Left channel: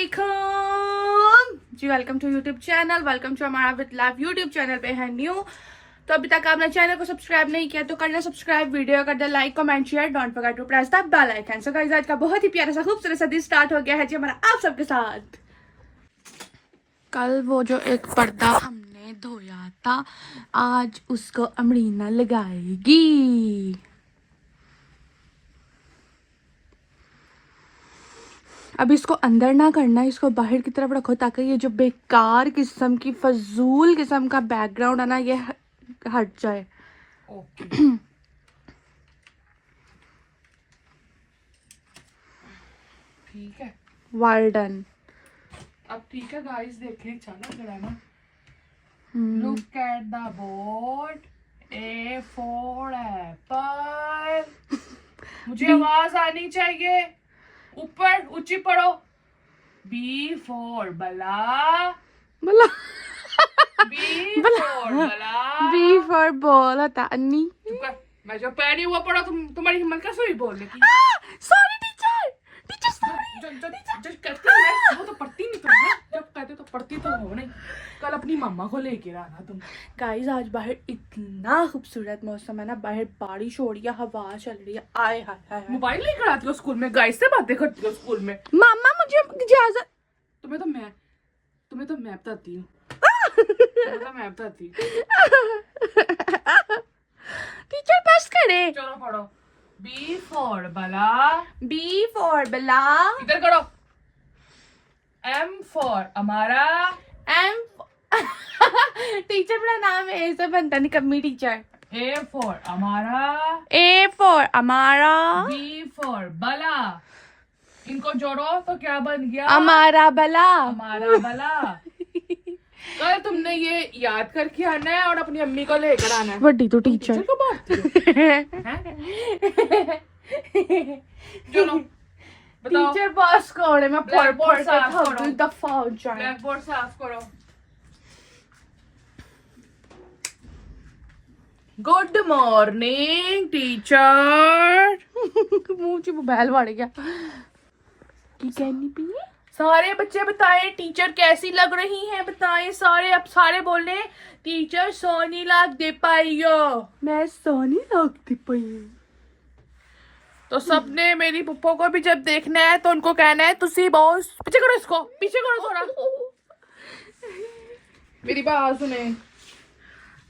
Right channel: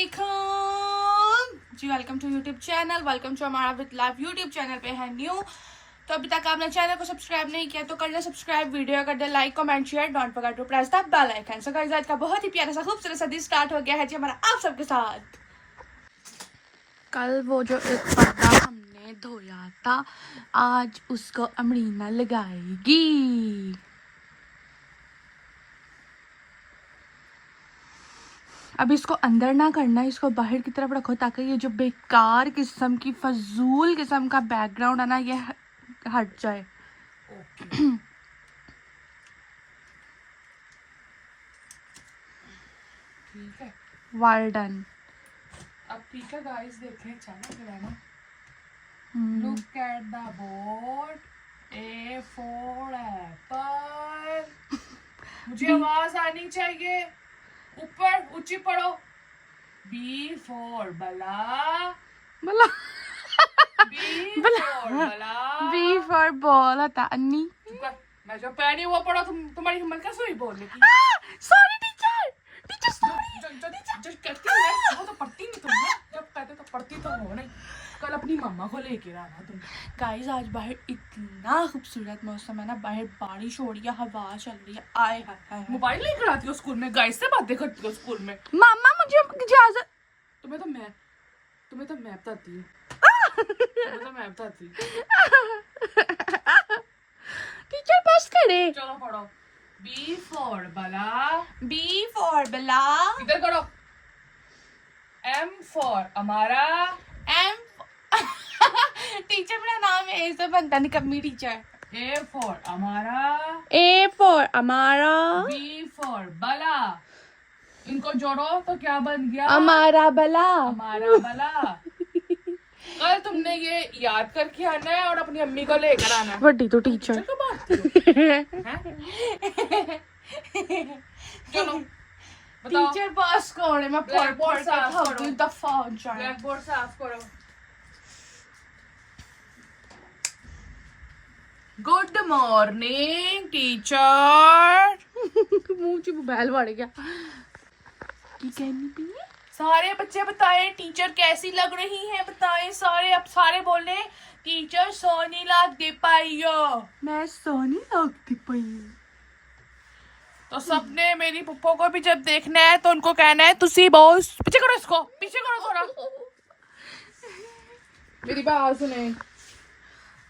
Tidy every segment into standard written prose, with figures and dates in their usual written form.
वालेकुम जी, welcome to YouTube channel, welcome to हमारा विद लाइव यूट्यूब चैनल पे है न्यू। तो अभी तक आपने चैनल को सब्सक्राइब नहीं किया तो करना सब्सक्राइब, वीडियो कर दे like, comment, share, don't forget to press the bell icon. So guys, आज का बहुत ही प्यारा सा खूबसूरत सा दिन स्टार्ट हो गया है जी हमारा आप सबके साथ। कल वो जो एक पर्दा हमने धोया था, आज उसको अमरीना लगाएगी। अब इसको अंदर ना करना, इसको बाहर की तरफ रखो ताकि ये जो बेकार किस्म की फजूल किस्म का बैकग्राउंड है ना, ये हट जाए। ओके ठीक है, वेल डन। अब ठीक है गाइस, देखने चलो जरा ना। Look at the board, A for Apple. मुझे आवाज आनी चाहिए, ऊपर ऊंची पढ़ो। B for बला, बोला B for बला, बी फॉर बॉल होता अन्नी। मैं जो पहनी हुआ पढ़ो, तुम्हारी हिम्मत कैसे हुई बोलने की? Sorry teacher, teacher sorry. जो करती है वो तो पढ़ती नहीं तुम ना, जब कहते तो पढ़ती तो हो नहीं। कल अपनी मम्मा को लेके आना तुम। गाइस, आज बाहर इतना खूबसूरत मौसम है ना, बाहर बारिश हो रही है, हवा चल रही है। आए हाय हाय। मोबाइल लेकर आती हो स्कूल में, गाइस से बातें करती हो स्कूल में। मामा मुझे इजाजत। तुम्हें तो मैं बताती हूँ। टीचर पास करे। चलो पढ़ो। B for बला, बी फॉर बला, इधर करो। M for अमारा, एम टीचर मेरा नाम है ऐसा बनता नहीं कम्मी टीचर। A for अमारा, ए फॉर अमारा, B for बला। इनको जोड़ो तो क्या बन गया? अमारा बला। हमारा भला। कल तुमने ये याद करके आना है और अपनी अम्मी को लेकर आना है। बड़ी तो टीचर को बांटती हो? चलो बताओ। टीचर बस कौन है? मैं पढ़ Blackboard पढ़ के साफ थक करो। गई, दफा हो जाए। ब्लैकबोर्ड साफ करो। Good morning teacher. मुंह से मोबाइल मार गया। की कहनी पी है? सारे बच्चे बताएं टीचर कैसी लग रही हैं, बताएं सारे। अब सारे बोले टीचर सोनी लाग दे पाइयो। मैं सोनी लगती पई। तो सबने मेरी पुप्पो को भी जब देखना है तो उनको कहना है तुसी बॉस। पीछे करो इसको, पीछे करो थोड़ा। मेरी बात सुने।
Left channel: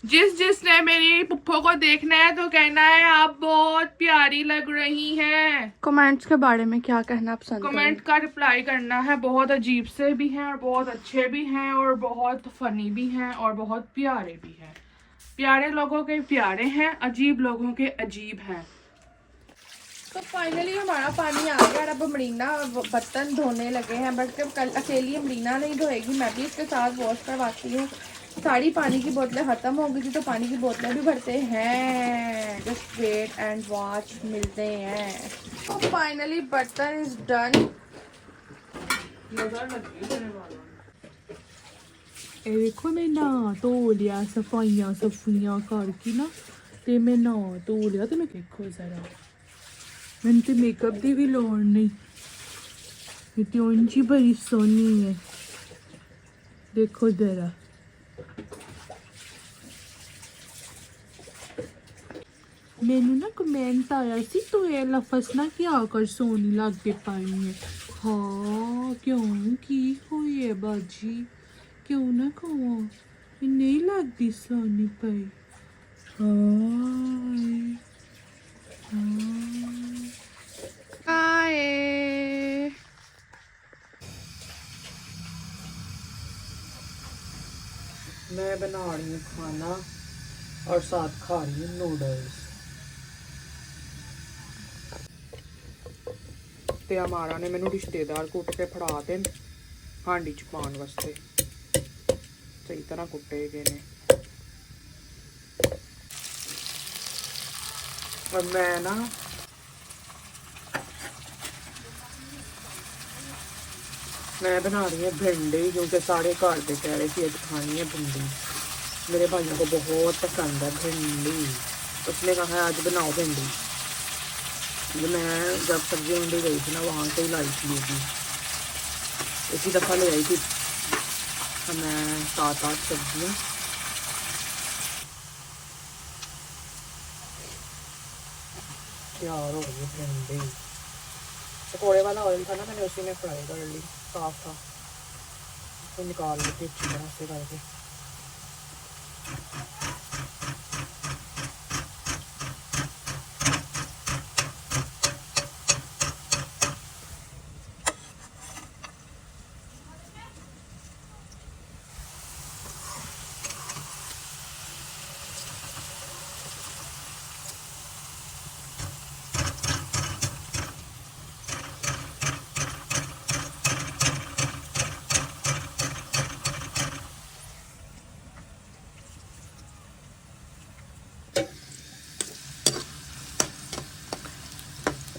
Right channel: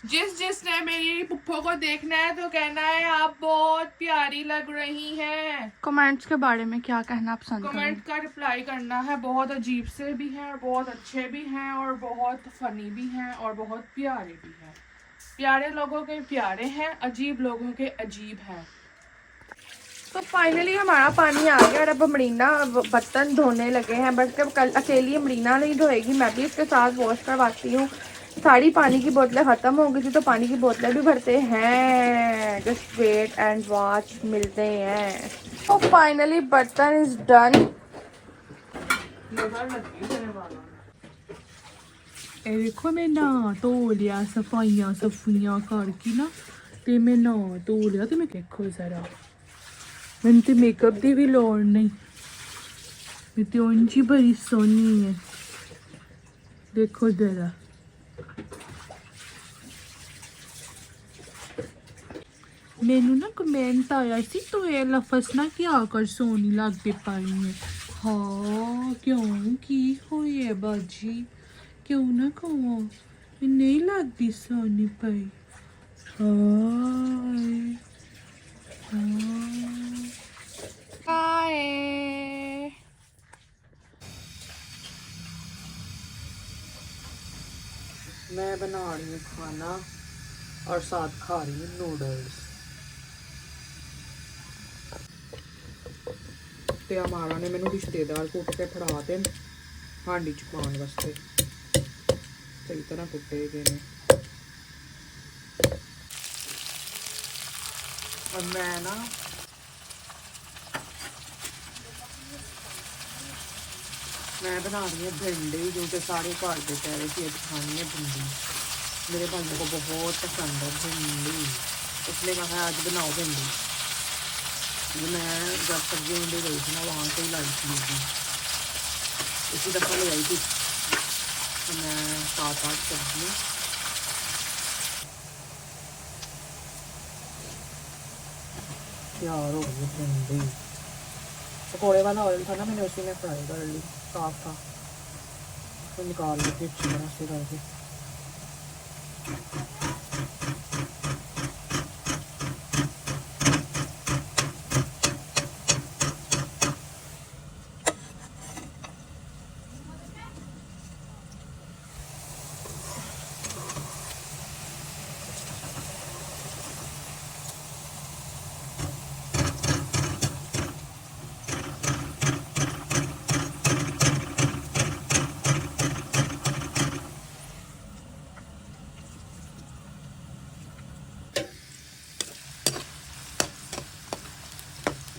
जिसने मेरी पुप्पो को देखना है तो कहना है आप बहुत प्यारी लग रही हैं। कमेंट्स के बारे में क्या कहना पसंद कमेंट का रिप्लाई करना है। बहुत अजीब से भी हैं, बहुत अच्छे भी हैं, और बहुत फनी भी हैं, और बहुत प्यारे भी हैं। प्यारे लोगों के प्यारे हैं, अजीब लोगों के अजीब हैं। तो फाइनली हमारा पानी आ गया और अब अमरीना बर्तन धोने लगे हैं। बट जब कल अकेली अमरीना नहीं धोएगी, मैं भी इसके साथ वॉश करवाती हूँ। सारी पानी की बोतलें ख़त्म हो गई थी तो पानी की बोतलें भी भरते हैं। जस्ट वेट एंड वॉच, मिलते हैं। तो फाइनली बर्तन इज डन। देखो मैं नहा धो लिया, सफाइयां करके ना, ते मैं नहा धो लिया। ते मैं देखो जरा, मैंने तो मेकअप दी भी लोड़ नहीं, मैं तो उंची बड़ी सोनी है। देखो जरा, मैनू ना कमेंट आया सी तो ये लफज ना क्या कर सोनी लगती पाई है। हाँ क्यों की हुई है बाजी, क्यों ना कहो मैं नहीं लगती सोनी पाई। मैं बना रही हूँ खाना और साथ खा रही हूँ नूडल्स। ते हमारा ने मैनू रिश्तेदार कुट के फड़ा दे हांडी च पाने वास्ते। सही तरह कुटे गए ने। और मैं ना बना रही है भिंडी, क्योंकि सारे घर के कह रहे थे खानी है भिंडी। मेरे भाइयों को बहुत पसंद है भिंडी, उसने कहा आज बनाओ भिंडी। मैं जब सब्जी मंडी गई थी ना, वहाँ से ही लाई थी। इसी दफ़ा ले आई थी मैं 7-8 सब्जियाँ। क्या हो रही है? पकौड़े वाला ऑयल था ना, मैंने उसी में फ्राई कर ली साफ तो निकाल दी थी ऐसे करके।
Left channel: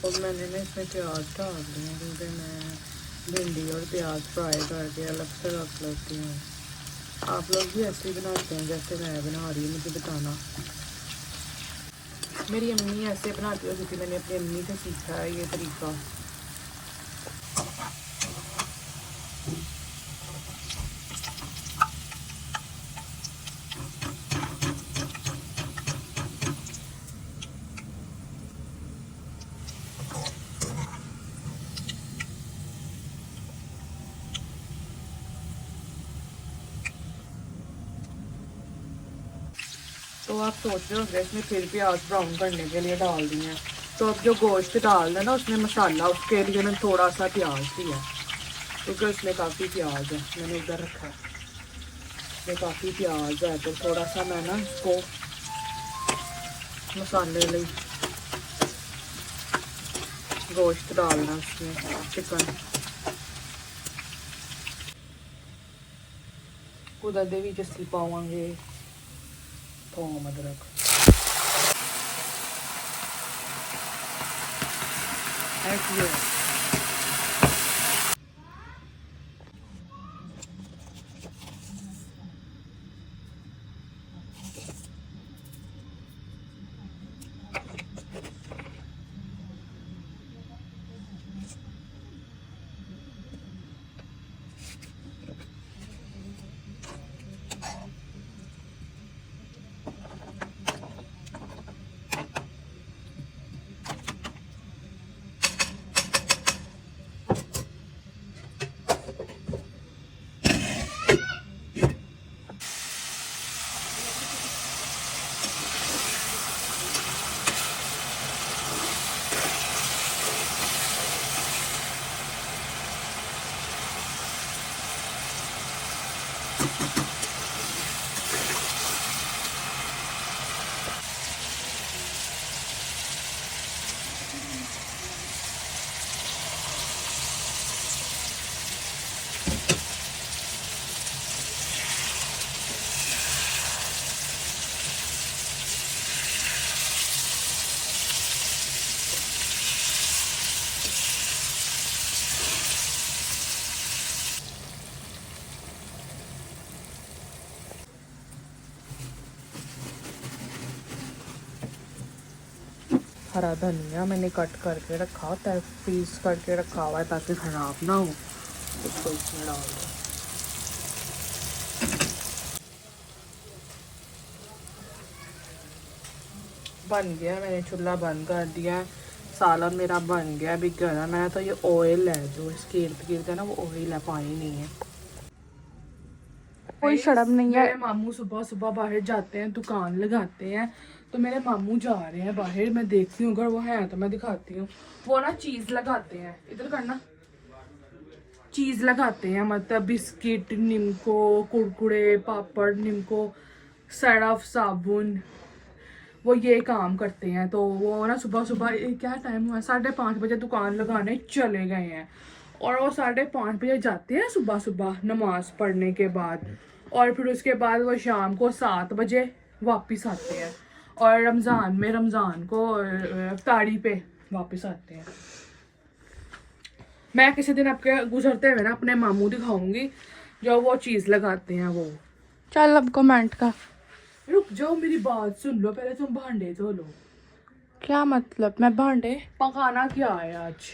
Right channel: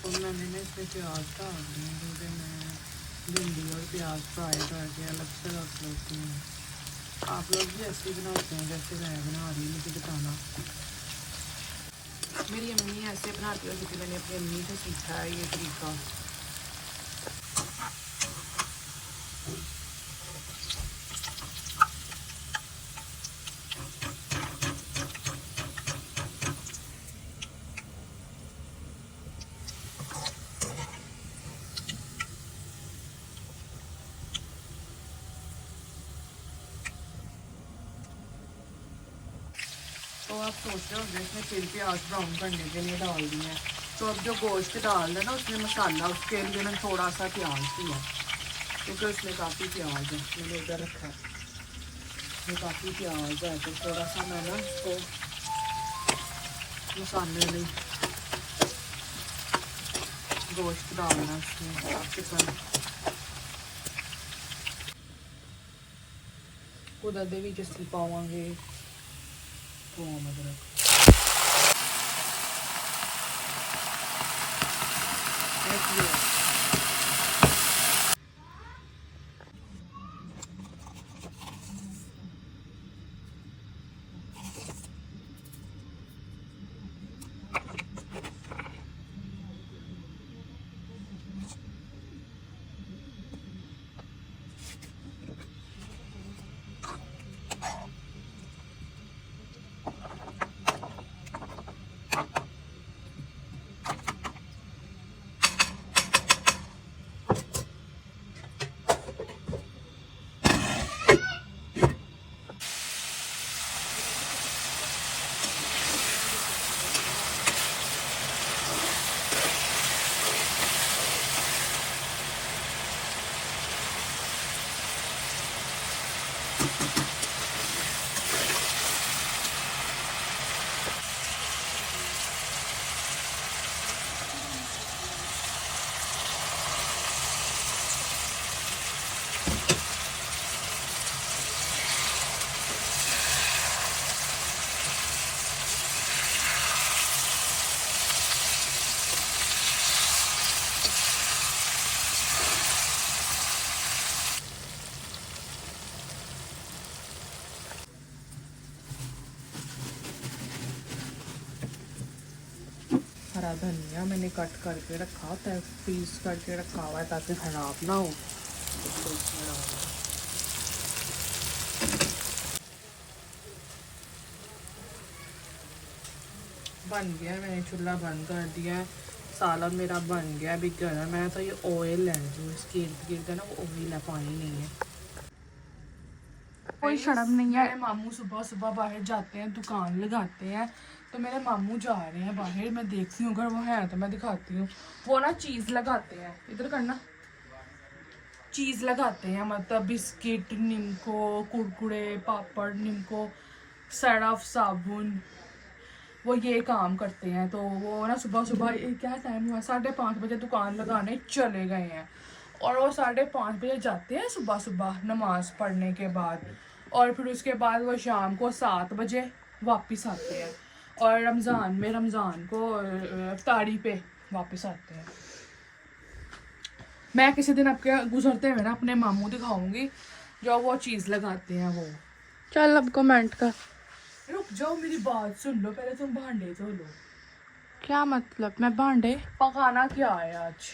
और मैंने ना इसमें प्याज डाल दिए क्योंकि मैं भिंडी और प्याज फ्राई करके अलग से रख लेती हूँ। आप लोग भी ऐसे ही बनाते हैं जैसे मैं बना रही हूँ, मुझे बताना। मेरी अम्मी ऐसे बनाती होती थी, मैंने अपनी अम्मी से सीखा है ये तरीका। तो आप सोच रहे होंगे इसमें फिर प्याज ब्राउन करने के लिए डाल दिए हैं। तो अब जो गोश्त डाल दें ना उसमें मसाला, उसके लिए मैंने थोड़ा सा प्याज दिया क्योंकि उसमें काफ़ी प्याज है। मैंने उधर रखा है, इसमें काफ़ी प्याज है तो थोड़ा सा मैं ना इसको मसाले लिए गोश्त डालना उसमें, चिकन कुछ भी जैसी पावांगे थोम अदरक। हरा धनिया मैंने कट करके रखा होता है, फ्रीज करके रखा हुआ है ताकि ख़राब ना हो। इसको इसमें डाल दो। बन गया, मैंने चूल्हा बंद कर दिया। सालन मेरा बन गया, अभी गर्म है। तो ये ऑयल है जो इसके इर्द गिर्द है ना, वो ऑयल है, पानी नहीं है। कोई शर्म नहीं है। मेरे मामू सुबह सुबह बाहर जाते हैं, दुकान लगाते हैं। तो मेरे मामू जा रहे हैं बाहर, मैं देखती हूँ अगर वो है तो मैं दिखाती हूँ। वो ना चीज़ लगाते हैं, इधर करना, चीज़ लगाते हैं, मतलब बिस्किट, निम्को, कुरकुरे, पापड़, निम्को, सर्फ साबुन, वो ये काम करते हैं। तो वो ना सुबह सुबह क्या टाइम हुआ, 5:30 बजे दुकान लगाने चले गए हैं। और वो 5:30 बजे जाते हैं सुबह सुबह नमाज पढ़ने के बाद, और फिर उसके बाद वो शाम को 7 बजे वापस आते हैं। और रमज़ान को इफ्तारी पे वापस आते हैं। मैं किसी दिन आपके गुजरते हुए ना अपने मामू दिखाऊंगी जो वो चीज़ लगाते हैं वो। चल अब कमेंट कर। रुक जाओ, मेरी बात सुन लो पहले, तुम भांडे धो लो। क्या मतलब? मैं भांडे पकाना क्या है आज?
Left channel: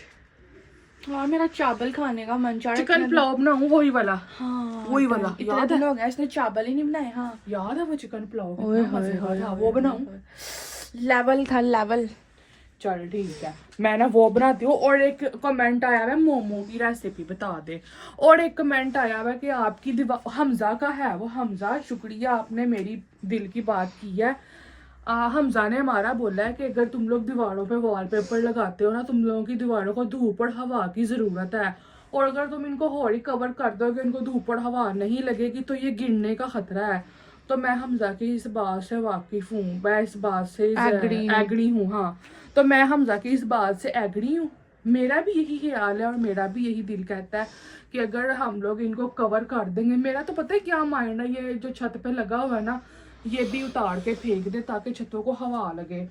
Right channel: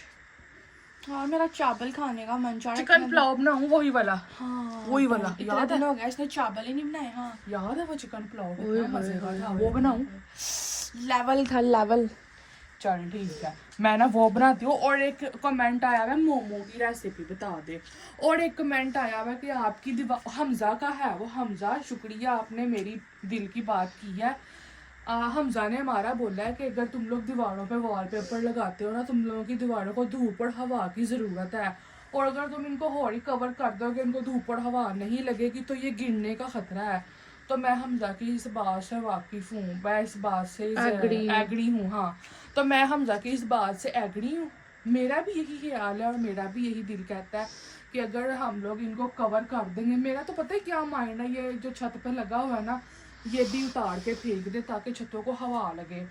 हाँ मेरा चावल खाने का मन चाह रहा है। चिकन पुलाव बनाऊं वही वाला। हाँ वही वाला इतना दिन हो गया इसने चावल ही नहीं बनाए। हाँ याद है वो चिकन पुलाव कितना मजेदार था, वो बनाऊं। लेवल था लेवल। चल ठीक है, मैं ना वो बनाती हूँ। और एक कमेंट आया हुआ है मोमो की रेसिपी बता दे। और एक कमेंट आया हुआ है कि आपकी दीवार हमजा का है, वो हमजा शुक्रिया आपने मेरी दिल की बात की है। हमजा ने हमारा बोला है कि अगर तुम लोग दीवारों पे वॉलपेपर लगाते हो ना, तुम लोगों की दीवारों को धूप और हवा की ज़रूरत है, और अगर तुम इनको हौली कवर कर दोगे, इनको धूप और हवा नहीं लगेगी तो ये गिरने का खतरा है। तो मैं हमजा की इस बात से वाकिफ हूँ, मैं इस बात से एग्री हूँ। हाँ तो मैं हमजा की इस बात से एग्री हूँ। मेरा भी यही ख्याल है और मेरा भी यही दिल कहता है कि अगर हम लोग इनको कवर कर देंगे, मेरा तो पता है क्या माइंड है, ये जो छत पे लगा हुआ है ना, ये भी उतार के फेंक दे ताकि छतों को हवा लगे।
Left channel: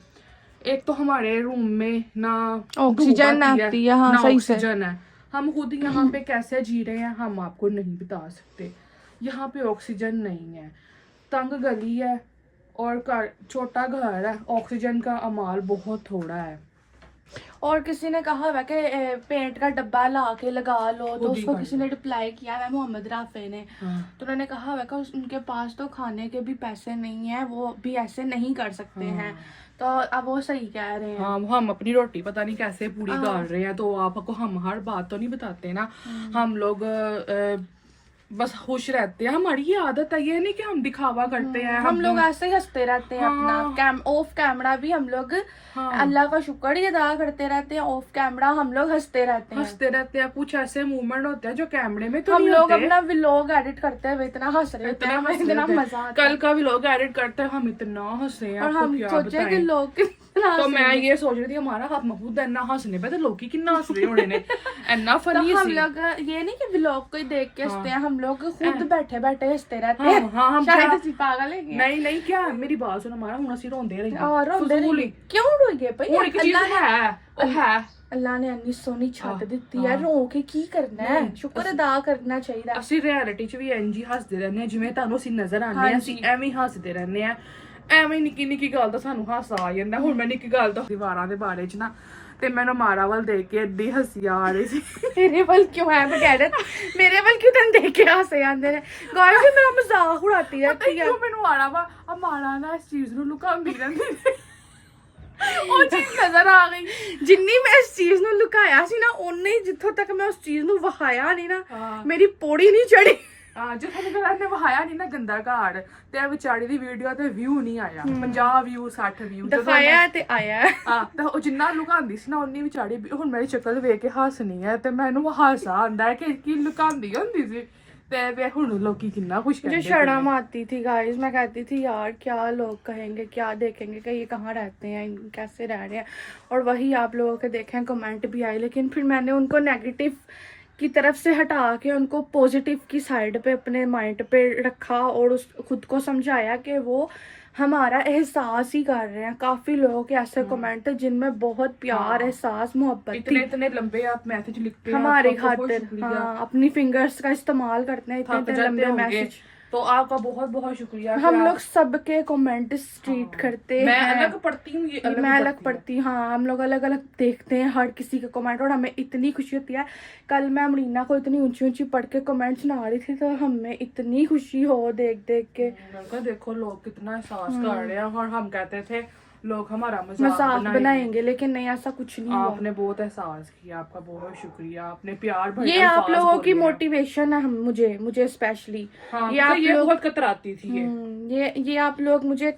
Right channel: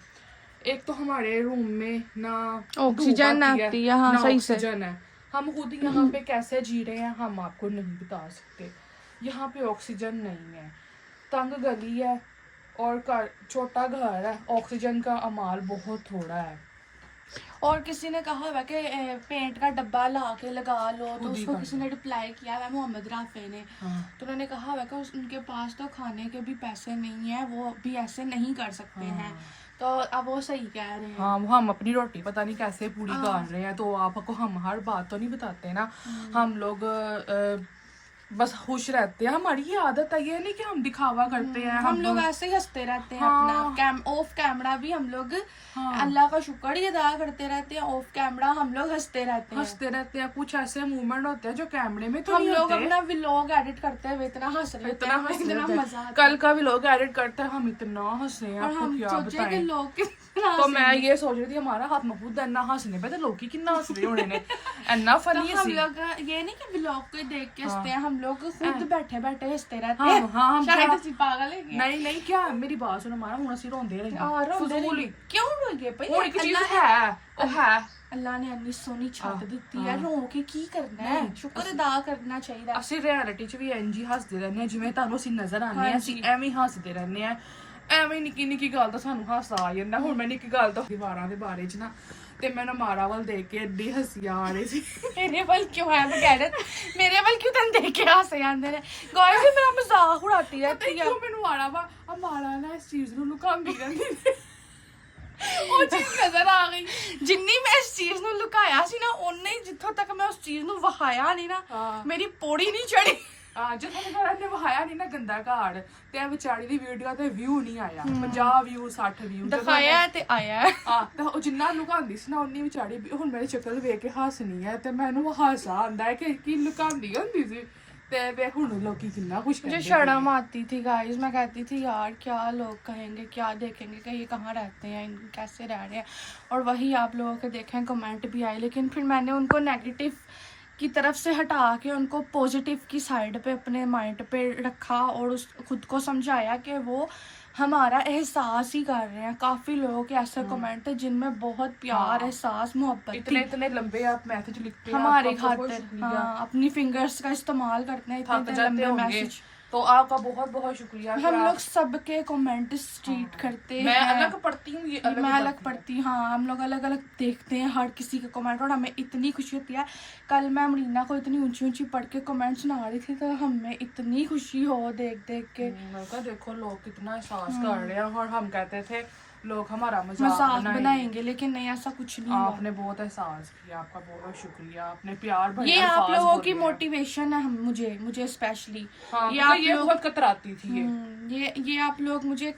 एक तो हमारे रूम में ना ऑक्सीजन आती है, हाँ सही से ऑक्सीजन है। हम खुद यहाँ पे कैसे जी रहे हैं हम आपको नहीं बता सकते। यहाँ पे ऑक्सीजन नहीं है, तंग गली है और छोटा घर है, ऑक्सीजन का अमाल बहुत थोड़ा है। और किसी ने कहा हुआ कि पेंट का डब्बा ला के लगा लो, तो उसको किसी ने रिप्लाई किया है मोहम्मद राफे ने। तो उन्होंने कहा हुआ कि उनके पास तो खाने के भी पैसे नहीं है, वो भी ऐसे नहीं कर सकते हैं। तो अब वो सही कह रहे हैं। हाँ हम अपनी रोटी पता नहीं कैसे पूरी कर रहे हैं, तो आपको हम हर बात तो नहीं बताते ना। हम लोग बस खुश रहते हैं, हमारी ये आदत है, ये नहीं कि हम दिखावा करते हैं। हम लोग ऐसे ही हंसते रहते हैं। अपना ऑफ कैमरा भी हम लोग अल्लाह का शुक्र ही अदा करते रहते हैं, ऑफ कैमरा हम लोग हंसते रहते हैं। कुछ ऐसे मूवमेंट होते हैं जो कैमरे में तो हम लोग अपना व्लॉग एडिट करते हैं, इतना हंस रहे होते हैं, हमें इतना मजा आता है। कल का व्लॉग एडिट करते हैं हम इतना हंसे हैं, और हम सोचे कि लोग तो मैं ये सोच रही थी हमारा हाथ महबूद इतना हंसने पे, तो लोग ही कितना हंस रहे होने ने, इतना फनी। हम लोग ये नहीं कि व्लॉग को देख के हंसते हैं, हम लोग खुद बैठे बैठे हंसते रहते हैं। शायद ਅਸੀਂ पागल है। नहीं क्या मेरी बात सुनो, हमारा ਹੁਣ ਅਸੀਂ ਰੋਂਦੇ ਰਹੇ और रोंदे नहीं क्यों रोएंगे भाई? अल्लाह ने इन्नी सोहनी छत ਦਿੱਤੀ है, रो के की करना है? शुक्र अदा करना चाहिए। ਅਸੀਂ ਰਿਐਲਿਟੀ 'ਚ ਵੀ ਇੰਜ ਹੀ ਹੱਸਦੇ ਰਹਿੰਦੇ ਹਾਂ, ਜਿਵੇਂ ਤੁਹਾਨੂੰ ਅਸੀਂ ਨਜ਼ਰ ਆਉਂਦੇ ਹਾਂ ਅਸੀਂ ਐਵੇਂ ਹੀ ਹੱਸਦੇ ਰਹਿੰਦੇ ਹਾਂ। ਐਵੇਂ ਨਿੱਕੀ ਗੱਲ ਤਾਂ ਸਾਨੂੰ ਹਾਸਾ ਆ ਜਾਂਦਾ। ਹੁਣ ਮੈਂ ਨਿੱਕੀ ਗੱਲ ਤੋਂ ਦੀਵਾਰਾਂ ਦੇ ਬਾਰੇ 'ਚ ਨਾ, ਤੇ ਮੈਨੂੰ ਮਾਰਾ ਵੱਲ ਦੇਖ ਕੇ ਏਡੀ ਹੱਸੀ ਆ ਰਹੀ ਸੀ। मेरे वाल क्यों है तो कह दे, मेरे वाल क्यों तन देख के हंसे आंदे ने? गाइस ये मेरा मजाक उड़ाती रहती है। क्यों ਮੈਨੂੰ ਮਾਰਾ ਵਾ ਆ ਮਾਰਾ ਨਾ ਇਸ ਚੀਜ਼ ਨੂੰ ਲੁਕਾਉਂਦੀ ਰਹਿੰਦੀ ਉਹ ਚੀਜ਼ ਨਜ਼ਰ ਆ ਗਈ। ਜਿੰਨੀ ਮੈਂ ਇਸ ਚੀਜ਼ ਨੂੰ ਲੁਕਾਇਆ ਸੀ ਨਾ, ਓਨੇ ਹੀ ਜਿੱਥੋਂ ਤੱਕ ਮੈਂ ਉਸ ਚੀਜ਼ ਨੂੰ ਵਹਾਇਆ ਨਹੀਂ ਨਾ, ਮੇਰੀ ਪੌੜੀ ਨਹੀਂ ਚੜੀ। ਜਿੱਥੋਂ ਤੱਕ ਨੇ ਵਹਾਇਆ ਨਹੀਂ ਨਾ ਗੰਦਾ ਘਾੜ, ਤੇ ਵਿਚਾਰੀ ਦੀ ਵੀਡੀਓ ਤੇ ਵਿਊ ਨਹੀਂ ਆਇਆ, 50 ਵਿਊ 60 ਵਿਊ ਦਿਖਾਇਆ ਤੇ ਆਇਆ। ਤੇ ਉਹ ਜਿੰਨਾ ਲੁਕਾਉਂਦੀ ਸੀ ਨਾ ਉਨੀ ਵਿਚਾਰੀ ਹੁਣ ਮੇਰੀ ਸ਼ਕਲ ਵੇਖ ਕੇ ਹੱਸਣੀ ਹੈ, ਤੇ ਮੈਨੂੰ ਹਾਸਾ ਆਉਂਦਾ ਹੈ ਕਿ ਕੀ ਲੁਕਾਉਂਦੀ ਹੁੰਦੀ ਸੀ। ਤੇ ਵੇ ਹੁਣ ਲੋਕੀ ਕਿੰਨਾ खुश मुझे शर्म आती थी गाइस, मैं कहती थी यार क्या लोग कहेंगे, क्या देखेंगे कि ये कहाँ रहते हैं, कैसे रह रहे हैं। और वही आप लोगों के देखें कमेंट भी आए, लेकिन फिर मैंने उनको नेगेटिव की तरफ से हटा के उनको पॉजिटिव की साइड पे अपने माइंड पे रखा और उस खुद को समझाया कि वो हमारा एहसास ही कर रहे हैं। काफी लोगों के ऐसे कमेंट है जिनमें बहुत प्यार, एहसास, मोहब्बत, इतने लंबे आप मैसेज लिखते हैं हमारी खातिर। हाँ अपनी फिंगर्स का इस्तेमाल करते हैं, इतने लंबे मैसेज, तो आपका बहुत बहुत शुक्रिया। हम लोग सबके कमेंट स्ट्रीट करते हैं। मैं अलग पढ़ती हूँ, ये अलग मैं अलग पढ़ती हूँ। हाँ हम लोग अलग अलग देखते हैं हर किसी के कमेंट, और हमें इतनी खुशी होती है। कल मैं मरीना को इतनी ऊंची ऊंची पढ़ के कमेंट सुना रही थी, तो हमें इतनी खुशी हो देख के। देखो लोग कितना एहसास कर रहे हैं, और हम कहते थे लोग हमारा मजाक बनाएंगे, लेकिन नहीं, ऐसा कुछ नहीं हुआ। आपने बहुत एहसास किया, आपका बहुत शुक्रिया, आपने प्यार भरा। ये आप लोगों की मोटिवेशन है, मुझे स्पेशली। हाँ, ये बहुत कतराती थी ये आप लोग मुझे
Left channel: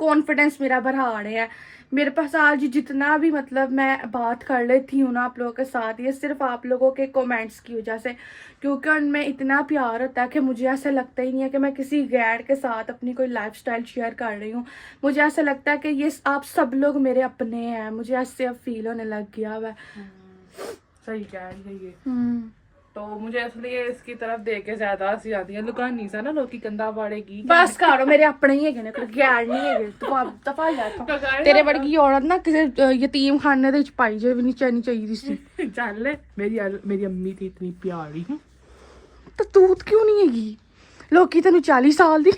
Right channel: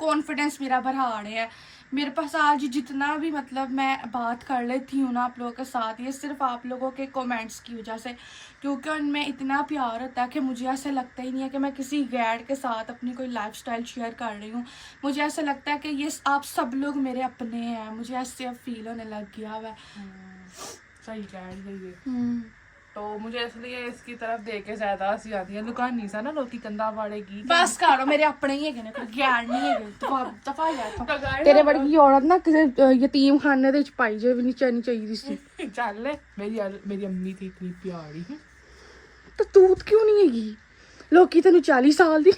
कॉन्फिडेंस मेरा बढ़ा रहे हैं। मेरे पास आज जितना भी मतलब मैं बात कर लेती हूँ ना आप लोगों के साथ, ये सिर्फ आप लोगों के कमेंट्स की वजह से, क्योंकि उनमें इतना प्यार होता है कि मुझे ऐसा लगता ही नहीं है कि मैं किसी गैर के साथ अपनी कोई लाइफस्टाइल शेयर कर रही हूँ। मुझे ऐसा लगता है कि ये आप सब लोग मेरे अपने हैं, मुझे ऐसे अब फील होने लग गया हुआ है। सही कह रही है। तो मुझे इसलिए इसकी तरफ देख के ज्यादा हंसी आती है। लुकानी सा ना लोग की कंधा बाड़ेगी, बस करो, मेरे अपने ही है कोई गैर नहीं है। दफा जा तू, तेरे वर्गी औरत ना यतीम खाने दे पाई जे भी नहीं चाहिए सी। चल मेरी अम्मी थी इतनी प्यारी। तो तू क्यों नहीं हैगी? लोग की तेन 40 साल दी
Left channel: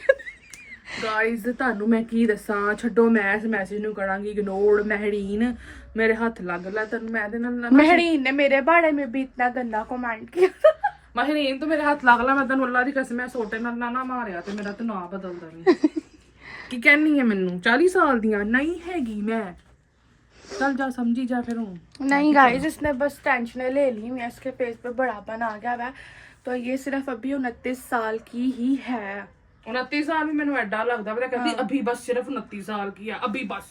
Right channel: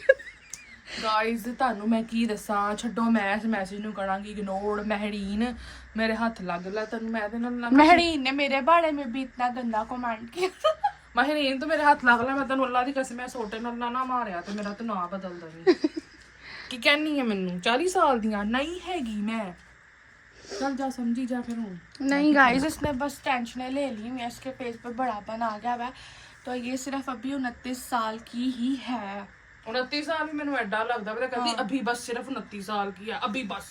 ਗਾਇਜ਼ ਤੁਹਾਨੂੰ ਮੈਂ ਕੀ ਦੱਸਾਂ, ਛੱਡੋ ਮੈਂ ਇਸ ਮੈਸੇਜ ਨੂੰ ਕਰਾਂਗੀ ਇਗਨੋਰ। ਮਹਿਰੀਨ ਮੇਰੇ ਹੱਥ ਲੱਗ ਲਿਆ ਤੈਨੂੰ ਮੈਂ ਇਹਦੇ ਨਾਲ महरीन ने मेरे बारे में भी इतना गंदा कमेंट किया। ਮਹਿਰੀਨ ਤੂੰ ਮੇਰੇ ਹੱਥ ਲੱਗ ਲਿਆ, ਮੈਂ ਤੈਨੂੰ ਅੱਲਾ ਦੀ ਕਸਮ, ਮੈਂ ਸੋਟੇ ਨਾਲ ਨਾ ਮਾਰਿਆ ਤੇ ਮੇਰਾ ਤੂੰ ਨਾਂ ਬਦਲ ਦਵੇਂ। ਕੀ ਕਹਿਣੀ ਹੈ ਮੈਨੂੰ 40 ਸਾਲ ਦੀਆਂ ਨਹੀਂ ਹੈਗੀ ਮੈਂ। चल जा समझी जा फिर हूँ। नहीं गाइस इसने बस टेंशन ले ली, मैं इसके फेस पे बड़ापन आ गया है, तो ये सिर्फ अभी 29 साल की ही है। 29 साल भी मैंने एडा लगता है, कहती अभी बस सिर्फ 29 साल की है, अभी बस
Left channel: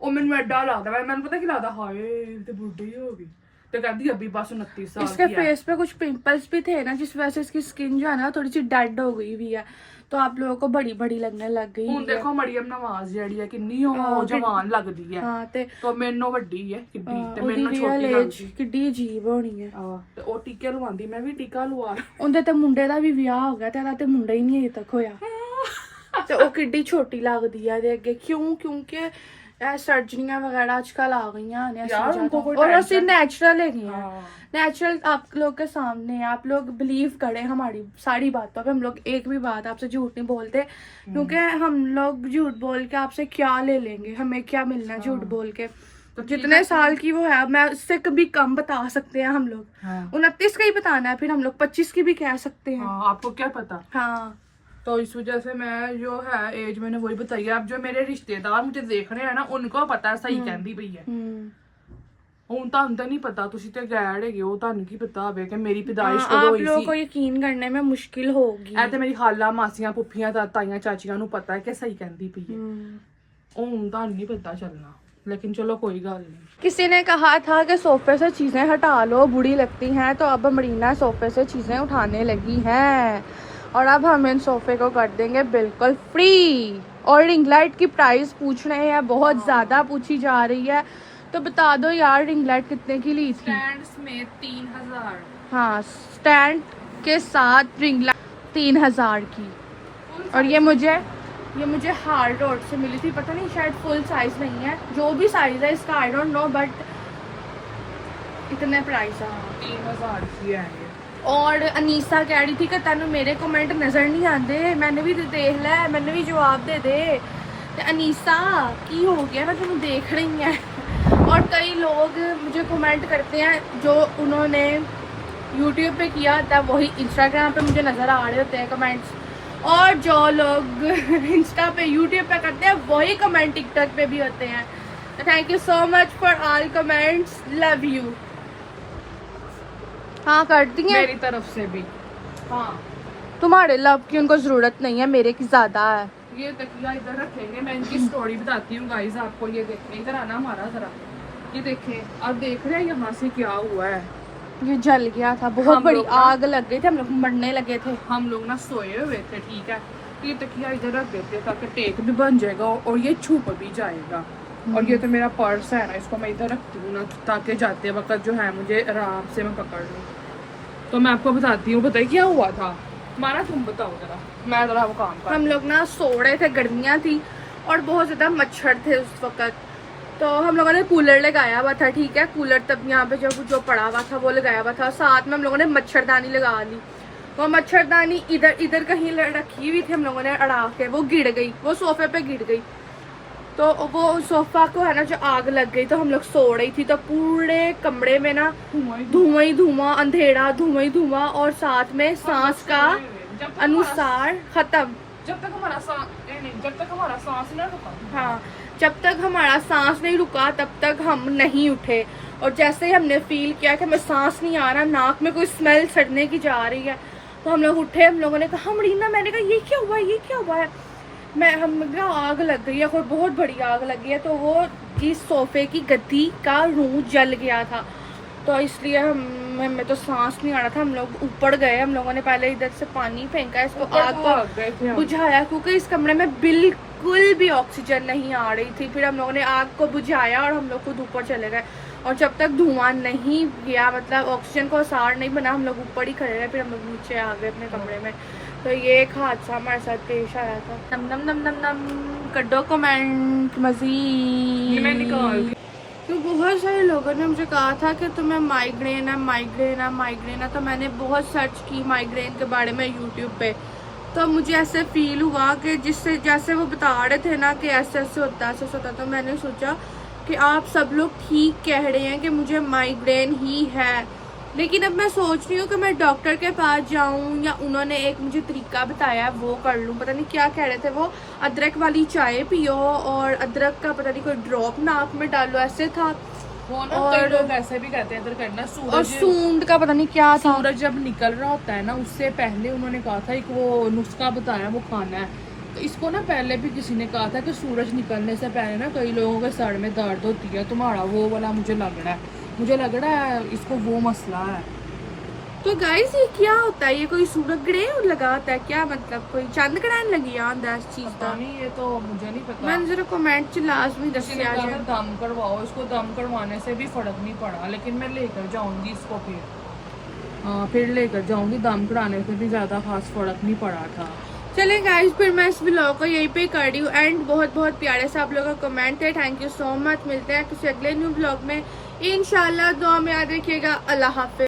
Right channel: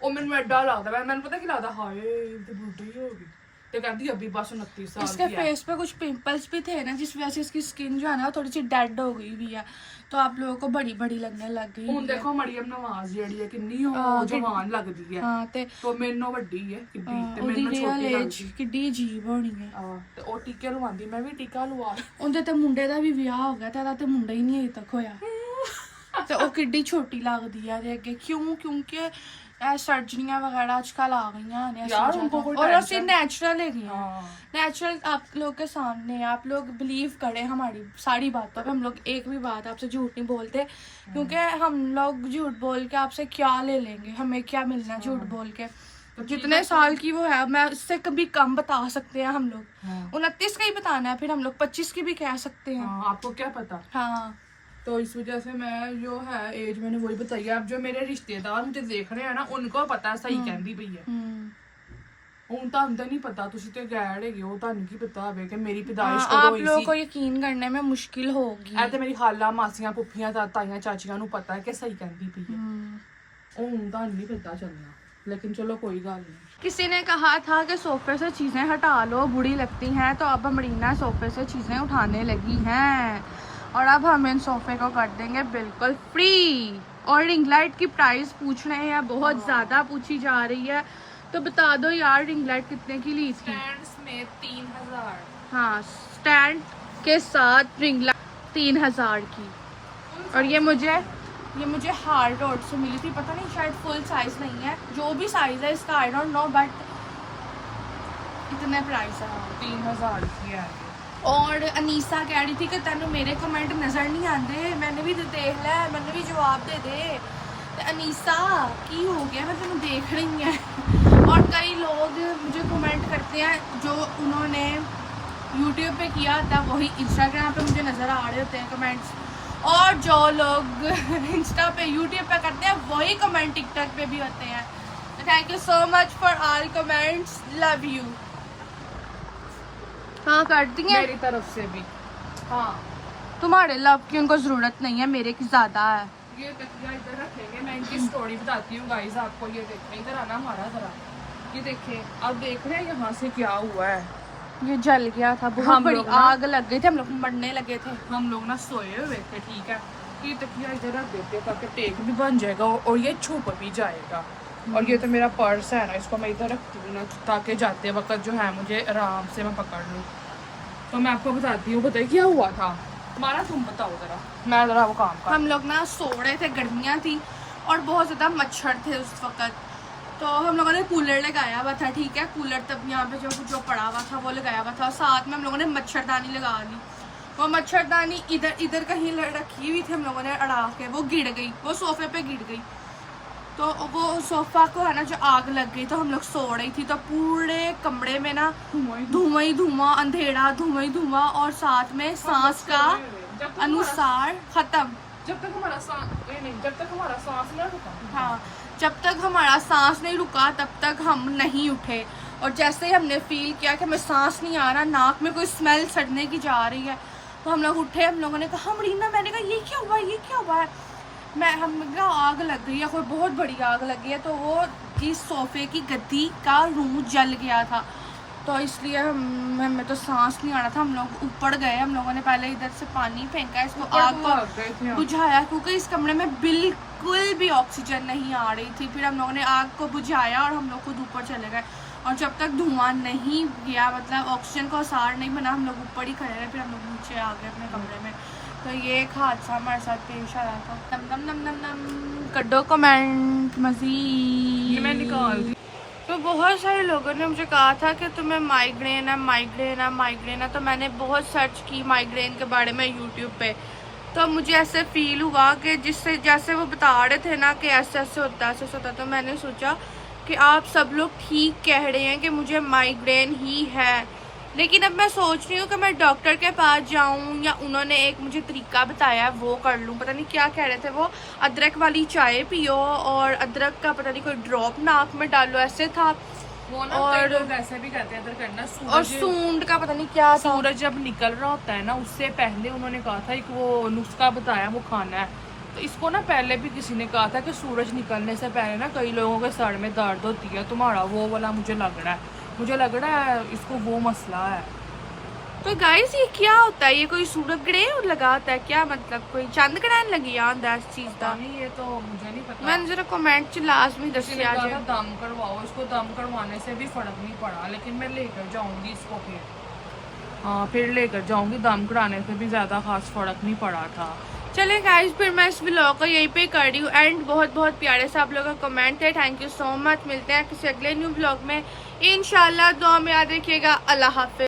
ਉਹ ਮੈਨੂੰ ਐਡਾ ਲੱਗਦਾ ਹੈ, ਮੈਨੂੰ ਪਤਾ ਕੀ ਲੱਗਦਾ, ਹਾਏ ਤੇ ਬੁੱਢੀ ਹੋ ਗਈ, ਤੇ ਕਹਿੰਦੀ अभी बस 29 साल। इसके फेस पे कुछ पिंपल्स भी थे ना, जिस वजह से इसकी स्किन जो है ना थोड़ी सी डेड हो गई हुई है, तो आप लोगों को बड़ी बड़ी लगने लग गई। ਹੁਣ ਦੇਖੋ ਮਰੀਮ ਨਵਾਜ਼ ਜਿਹੜੀ ਹੈ ਕਿੰਨੀ ਉਹ ਜਵਾਨ ਲੱਗਦੀ ਹੈ, ਹਾਂ ਤੇ ਤੋਂ ਮੈਨੂੰ ਵੱਡੀ ਹੈ ਕਿੱਡੀ, ਤੇ ਮੈਨੂੰ ਛੋਟੀ ਲੱਗਦੀ ਕਿੱਡੀ ਅਜੀਬ ਹੋਣੀ ਹੈ। ਤੇ ਉਹ ਟੀਕੇ ਲਵਾਉਂਦੀ, ਮੈਂ ਵੀ ਟੀਕਾ ਲਵਾ ਲ। ਉਹਦੇ ਤੇ ਮੁੰਡੇ ਦਾ ਵੀ ਵਿਆਹ ਹੋ ਗਿਆ ਤੇ ਇਹਦਾ ਤੇ ਮੁੰਡਾ ਹੀ ਨਹੀਂ ਅਜੇ ਤੱਕ ਹੋਇਆ, ਤੇ ਉਹ ਕਿੱਡੀ ਛੋਟੀ ਲੱਗਦੀ ਹੈ ਇਹਦੇ ਅੱਗੇ। ਕਿਉਂ? ਕਿਉਂਕਿ सर्जरियां वगैरह आजकल आ गई हैं, और ऐसे नेचुरल है, नेचुरल आप लोग के सामने है। आप लोग बिलीव करें हमारी सारी बातों पे, हम लोग एक भी बात आपसे झूठ नहीं बोलते, क्योंकि हम लोग झूठ बोल के आपसे क्या ले लेंगे, हमें क्या मिलना है झूठ बोल के। तो जितने साल की वो है, मैं उससे कभी कम बता सकते हैं हम लोग, 29 का ही बताना है, फिर हम लोग 25 की भी कह सकते हैं। आपको क्या पता। हाँ तो इस वजह से मैं जो है एज मैंने वही बताई है। अब जो मेरे रिश्तेदार मुझे देख रहे हैं ना, उनको पता है सही कहती पई है। ਹੁਣ ਤੁਹਾਨੂੰ ਤਾਂ ਨਹੀਂ ਪਤਾ, ਤੁਸੀਂ ਤੇ ਗੈਰ ਹੈਗੇ ਹੋ, ਤੁਹਾਨੂੰ ਕੀ ਪਤਾ ਹੋਵੇ ਕਿ ਮੇਰੀ ਪੈਦਾਇਸ਼ ਕਦੋਂ ਹੋਈ ਸੀ। आप लोगों को यकीन करने में मुश्किल होगी। ਇਹ ਤੇ ਮੇਰੀ ਖਾਲਾ, ਮਾਸੀਆਂ, ਪੁੱਫੀਆਂ, ਤਾਈਆਂ, ਚਾਚੀਆਂ ਨੂੰ ਪਤਾ ਹੈ ਕਿ ਸਹੀ ਕਹਿੰਦੀ ਪਈ ਹੈ। ਹੁਣ ਤੁਹਾਨੂੰ ਨਹੀਂ ਪਤਾ ਚੱਲਣਾ, लेकिन चलो कोई गल नहीं। किसी ने कहा था कि सोफे से चीजें हटा लो, बुरी लगती हैं, तो अब मरीना सोफे से चीजें उठाने लगी हैं, और अब हम इन सोफे को कर देंगे बिल्कुल फ्री। और रिंग लाइट की प्राइस पूछ रहे हैं, बहुत ज्यादा पूछी जा रही है, तो बता दो यार रिंग लाइट कितने की ली थी? स्टैंड में 3000। हाँ स्टैंड के साथ रिंग लाइट 3000 की, और ये मुझे हार रोड से मिली थी, पता नहीं शायद फुल साइज नहीं है, जो भी साइज है इसका आई डोंट नो, बट इतने प्राइस है 3000 की है। और अनीसा कह रही थी कि तेन मेरे कमेंट नज़र नहीं आते, मैंने भी देख लै, मैंने भी जवाब दे दे। अनीसा की हो गया, मैं तेन देख रही हैं। और कई लोग मुझे कमेंट करते हैं, जो उन्होंने यूट्यूब पे किया था वही इंस्टाग्राम पे मुझे नज़र आ रहे होते हैं कमेंट्स, और जो लोग इंस्टा पे यूट्यूब पे करते हैं वही कमेंट टिकटॉक पे भी होते हैं। तो thank you so much for all comments, love you. हाँ कर दी है मेरी तरफ से भी। हाँ तुम्हारे लव की उनको जरूरत नहीं है, मेरे की ज्यादा है। ये तकिया इधर रखेंगे, मैं इनकी स्टोरी बताती हूँ गाइस आपको। ये देखें, इधर आना हमारा जरा, ये देखें, अब देख रहे हैं यहाँ से क्या हुआ है। ये जल गया था, बहुत बड़ी आग लग गई थी, हम लोग मरने लगे थे। हम लोग ना सोए हुए थे, ठीक है, ये तकिया इधर रख देते हैं ताकि टेक भी बन जाएगा और ये छुप भी जाएगा। और ये तो मेरा पर्स है ना, इसको मैं इधर रखती हूँ ना, ताकि जाते वक्त जो है मुझे आराम से मैं पकड़ लूँ। तो मैं आपको बताती हूँ, बताइए क्या हुआ था हमारा, तुम बताओ जरा, मैं जरा वो काम कर। हम लोग ना सो रहे थे, गर्मियाँ थी और बहुत ज़्यादा मच्छर थे उस वक्त, तो हम लोगों ने कूलर लगाया हुआ था, ठीक है, कूलर तब यहाँ पे जो पड़ा हुआ था वो लगाया हुआ था, साथ में हम लोगों ने मच्छरदानी लगा ली। वो मच्छरदानी इधर कहीं रखी हुई थी, हम लोगों ने अड़ा के, वो गिर गई, वो सोफे पे गिर गई, तो वो सोफा को है ना जो आग लग गई, तो हम लोग सो रही थी, तो पूरे कमरे में ना धुआं ही धुआं, अंधेरा, धुआं ही धुआं, और साथ में सांस का अनुसार खत्म। जब तक हमारा सांस ना रुका। हाँ जब तक हमारा सांस नहीं रुका तब तक हम नहीं उठे, और जैसे ही हमने फील किया कि हमें सांस नहीं आ रहा, नाक में कोई स्मेल सड़ने की जा रही है, तो हम लोग उठे। हम लोगों ने कहा मरीना, मैंने कहा ये क्या हुआ है, ये क्या हुआ है, हम आग लग गई है, कोई बहुत बड़ी आग लग गई है। तो वो इस सोफे की गद्दी का रूह जल गया था, तो इसलिए हमें तो सांस नहीं आ रहा था। हम लोग ऊपर गए, हम लोगों ने पहले इधर से पानी फेंका, इसको आग को बुझाया, क्योंकि इस कमरे में बिल्कुल भी ऑक्सीजन नहीं आ रही थी। फिर हम लोगों ने आग को बुझाया और हम लोग खुद ऊपर चले गए, और जब तक धुआं नहीं गया, मतलब ऑक्सीजन को असर नहीं बना, हम लोग ऊपर ही खड़े रहे। फिर हम लोग नीचे आ गए अपने कमरे में। तो ये एक हादसा हमारे साथ पेश आया था। नम नम नम नम नम कड्डो कमेंट मज़ीद मैं निकाल दी। तो बहुत सारे लोगों ने मुझे कहा था कि तुम्हें माइग्रेन है, माइग्रेन है, माइग्रेन है, तो मैंने बहुत सर्च की माइग्रेन के बारे में यूट्यूब पे, तो मुझे ऐसे फील हुआ कि जिससे जैसे वो बता रहे थे ना कि ऐसे ऐसे होता है, ऐसे ऐसे होता है, तो मैंने सोचा कि आप सब लोग ठीक कह रहे हैं कि मुझे माइग्रेन ही है। लेकिन अब मैं सोच रही हूँ कि मैं डॉक्टर के पास जाऊँ या उन्होंने एक मुझे तरीका बताया है वो कर लूँ। पता नहीं क्या कह रहे थे वो, अदरक वाली चाय पियो और अदरक का पता नहीं कोई ड्रॉप नाक में डालो, ऐसे था। वो ना और- कई लोग ऐसे भी करते हैं इधर करना। और सूंड का पता नहीं क्या था। सूरज जब निकल रहा होता है ना, उससे पहले उन्होंने कहा था एक वो नुस्खा बताया वो खाना है। तो इसको ना पहले भी किसी ने कहा था कि सूरज निकलने से पहले ना कई लोगों के सर में दर्द होती है, तुम्हारा वो वाला मुझे लग रहा है इसको वो मसला है। तो गाइस ये क्या होता है, ये कोई सूरज ग्रहण लगा होता है क्या, मतलब कोई चंद ग्रहण लगी याद है इस चीज का? पता नहीं, ये तो मुझे नहीं पता। मैंने जरा कमेंट च लाजमी किसी ने दसिया कहा था जाए। दम करवाओ, इसको दम करवाने से भी फर्क नहीं पड़ा, लेकिन मैं लेकर जाऊंगी इसको फिर। हाँ, फिर लेकर जाऊंगी, दम कराने से भी ज्यादा खास फर्क नहीं पड़ा था। चले गाइस, फिर मैं इस व्लॉग को यहीं पे कर रही हूँ एंड। बहुत बहुत प्यारे से आप लोगों का कमेंट है, थैंक यू सो मच। मिलते हैं किसी अगले न्यू व्लॉग में इंशाल्लाह। दुआ में याद रखिएगा। अल्लाह हाफिज।